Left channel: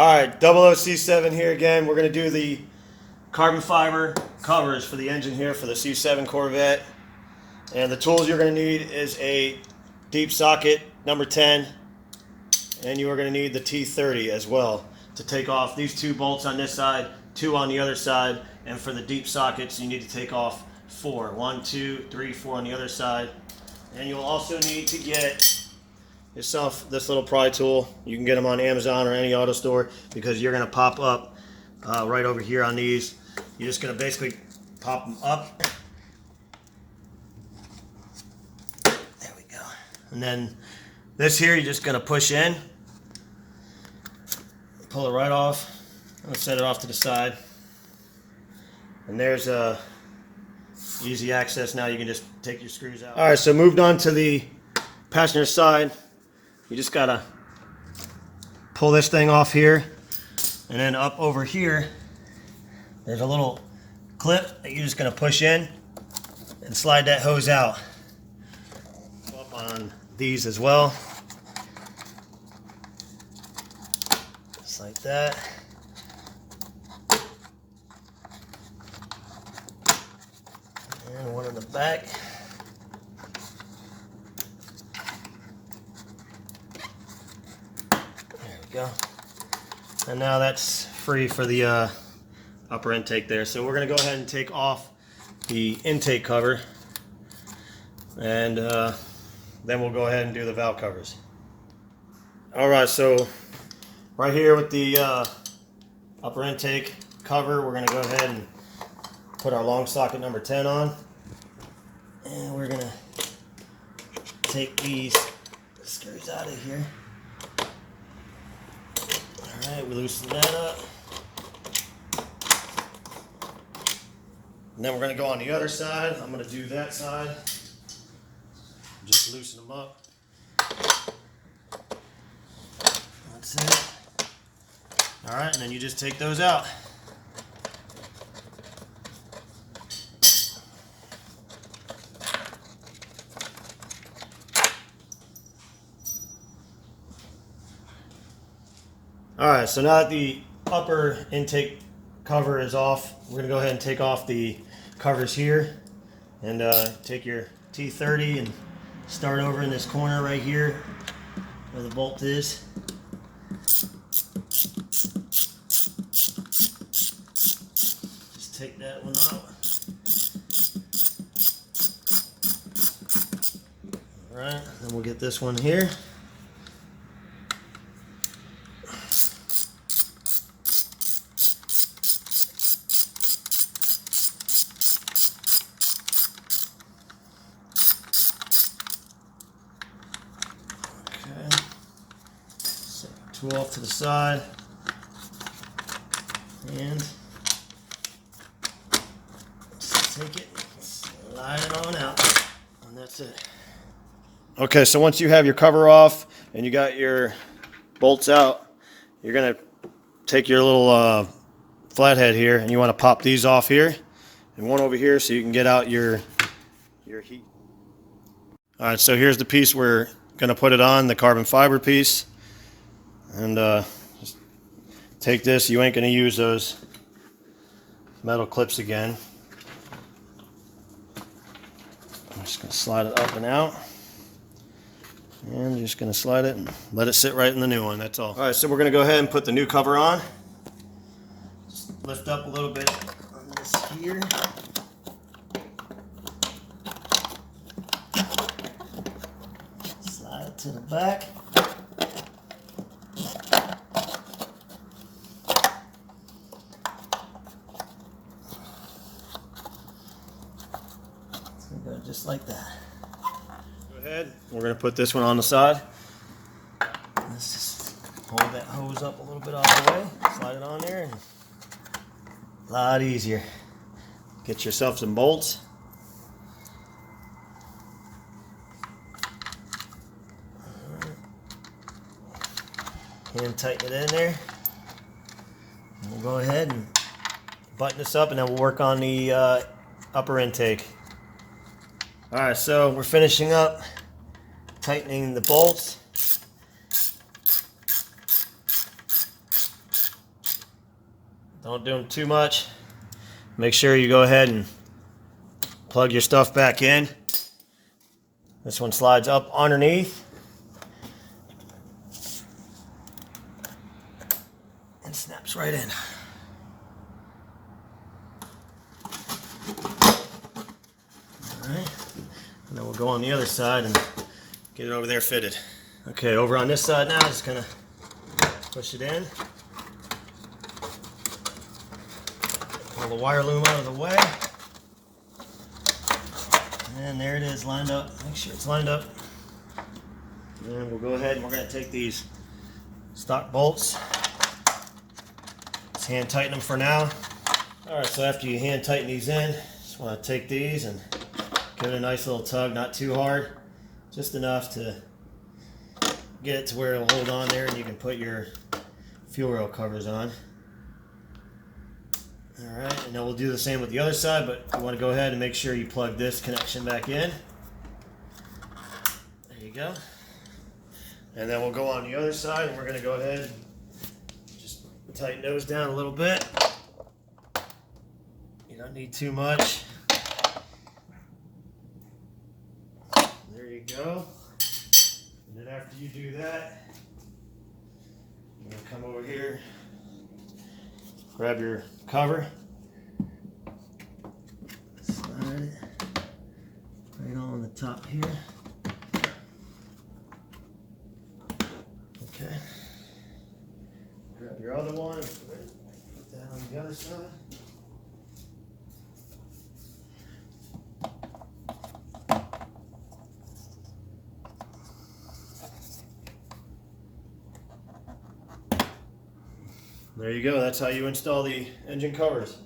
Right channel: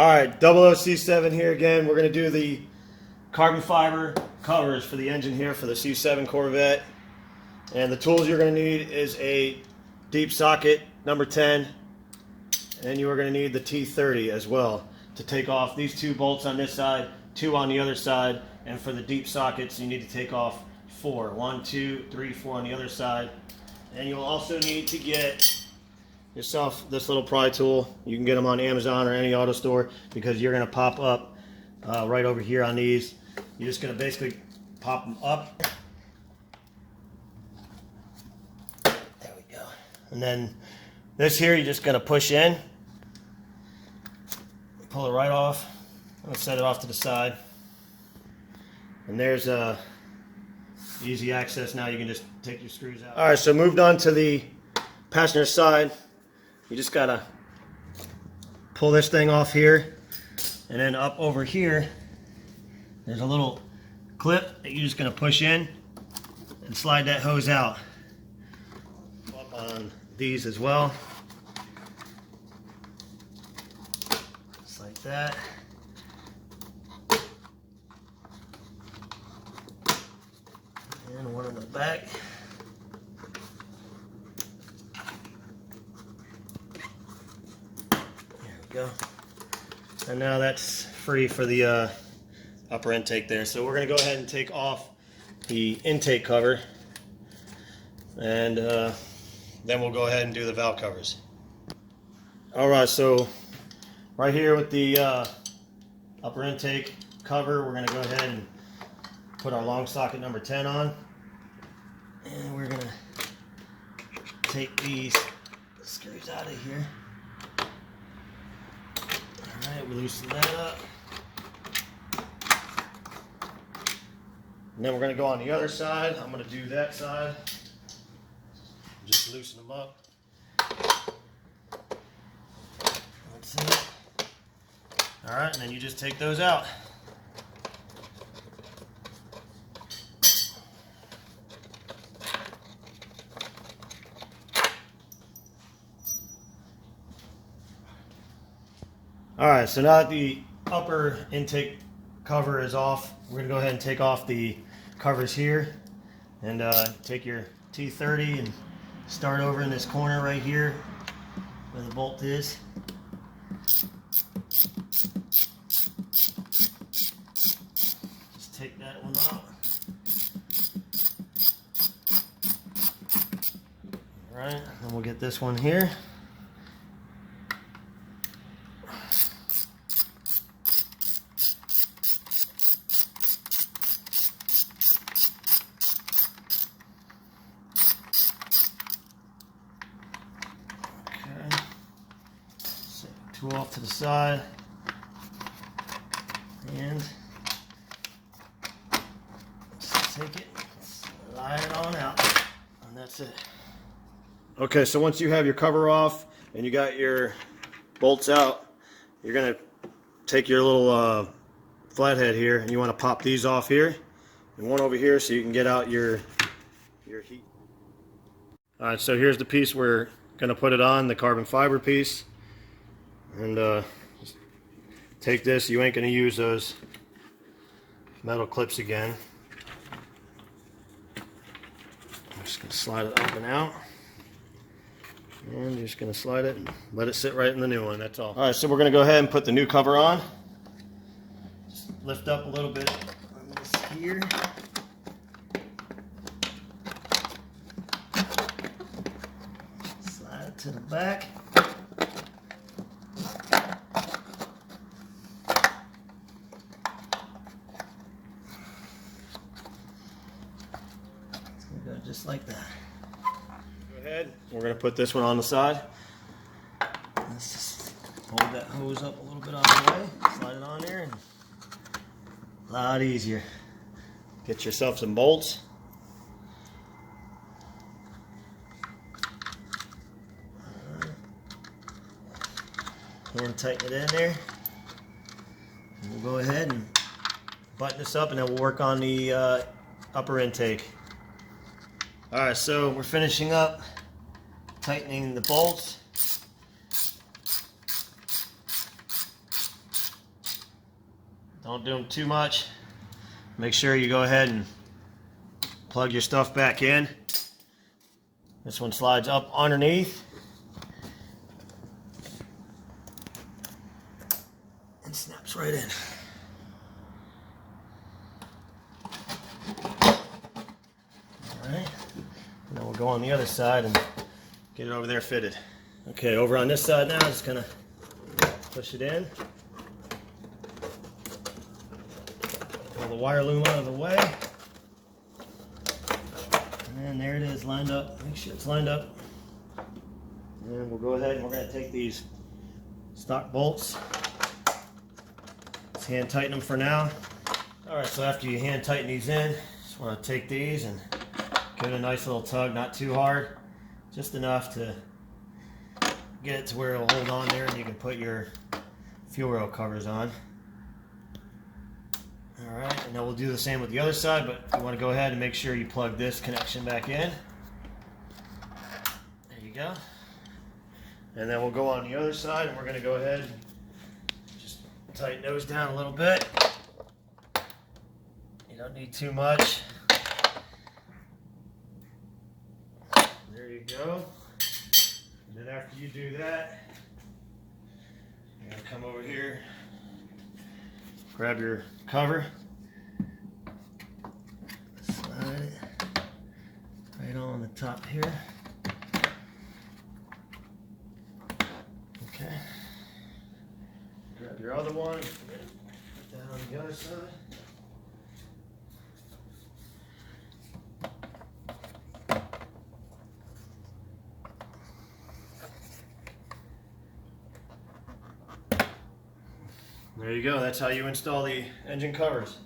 Alright, 00C7 here again. We're going to do the carbon fiber covers for the engine here for the C7 Corvette. And the tools you're going to need is a deep socket number 10, and you are going to need the T30 as well to take off these two bolts on this side, two on the other side, and for the deep sockets you need to take off 4. 1, 2, 3, 4 on the other side. And you'll also need to get yourself this little pry tool. You can get them on Amazon or any auto store because you're going to pop up right over here on these. You're just going to basically pop them up. There we go. And then this here you're just going to push in, pull it right off. I'm going to set it off to the side. And there's easy access. Now you can just take your screws out. Alright, so moved on to the passenger side. You just gotta pull this thing off here, and then up over here there's a little clip that you're just gonna push in and slide that hose out. Up on these as well, just like that. And one in the back. Go. And now that's free for the upper intake there. So we're going to go ahead and take off the intake cover, and then we'll go ahead and do the valve covers. Alright, so right here with the upper intake cover, we're going to go ahead and put our long socket number 10 on, and we're going to take these screws out of here. Alright, we loosen that up. And then we're going to go on the other side. I'm going to do that side. Just loosen them up. That's it. Alright, and then you just take those out. Alright, so now that the upper intake cover is off, we're going to go ahead and take off the covers here, and take your T30 and start over in this corner right here where the bolt is. Just take that one out. Alright, then we'll get this one here. Tool off to the side, and just take it, slide it on out, and that's it. Okay, so once you have your cover off and you got your bolts out, you're going to take your little flathead here, and you want to pop these off here and one over here so you can get out your heat. Alright, so here's the piece we're going to put it on, the carbon fiber piece. And just take this. You ain't going to use those metal clips again. I'm just going to slide it up and out. And I'm just going to slide it and let it sit right in the new one. That's all. Alright, so we're going to go ahead and put the new cover on. Just lift up a little bit on this here. Slide it to the back. Just like that. Go ahead. We're going to put this one on the side. Let's just hold that hose up a little bit out of the way. Slide it on there. And a lot easier. Get yourself some bolts. Hand tighten it in there. And we'll go ahead and button this up, and then we'll work on the upper intake. Alright, so we're finishing up tightening the bolts. Don't do them too much. Make sure you go ahead and plug your stuff back in. This one slides up underneath and snaps right in. Alright, and then we'll go on the other side and get it over there fitted. Okay, over on this side now, just gonna push it in. Pull the wire loom out of the way. And there it is, lined up. Make sure it's lined up. And we'll go ahead and we're going to take these stock bolts. Let's hand tighten them for now. Alright, so after you hand tighten these in, just want to take these and give it a nice little tug, not too hard, just enough to get it to where it'll hold on there and you can put your fuel rail covers on. Alright, and then we'll do the same with the other side, but you want to go ahead and make sure you plug this connection back in. There you go. And then we'll go on the other side and we're going to go ahead and just tighten those down a little bit. You don't need too much. There you go. And then after you do that, you're going to come over here, grab your cover, slide it right on the top here. Okay. Grab your other one, put that on the other side. There you go, that's how you install the engine covers.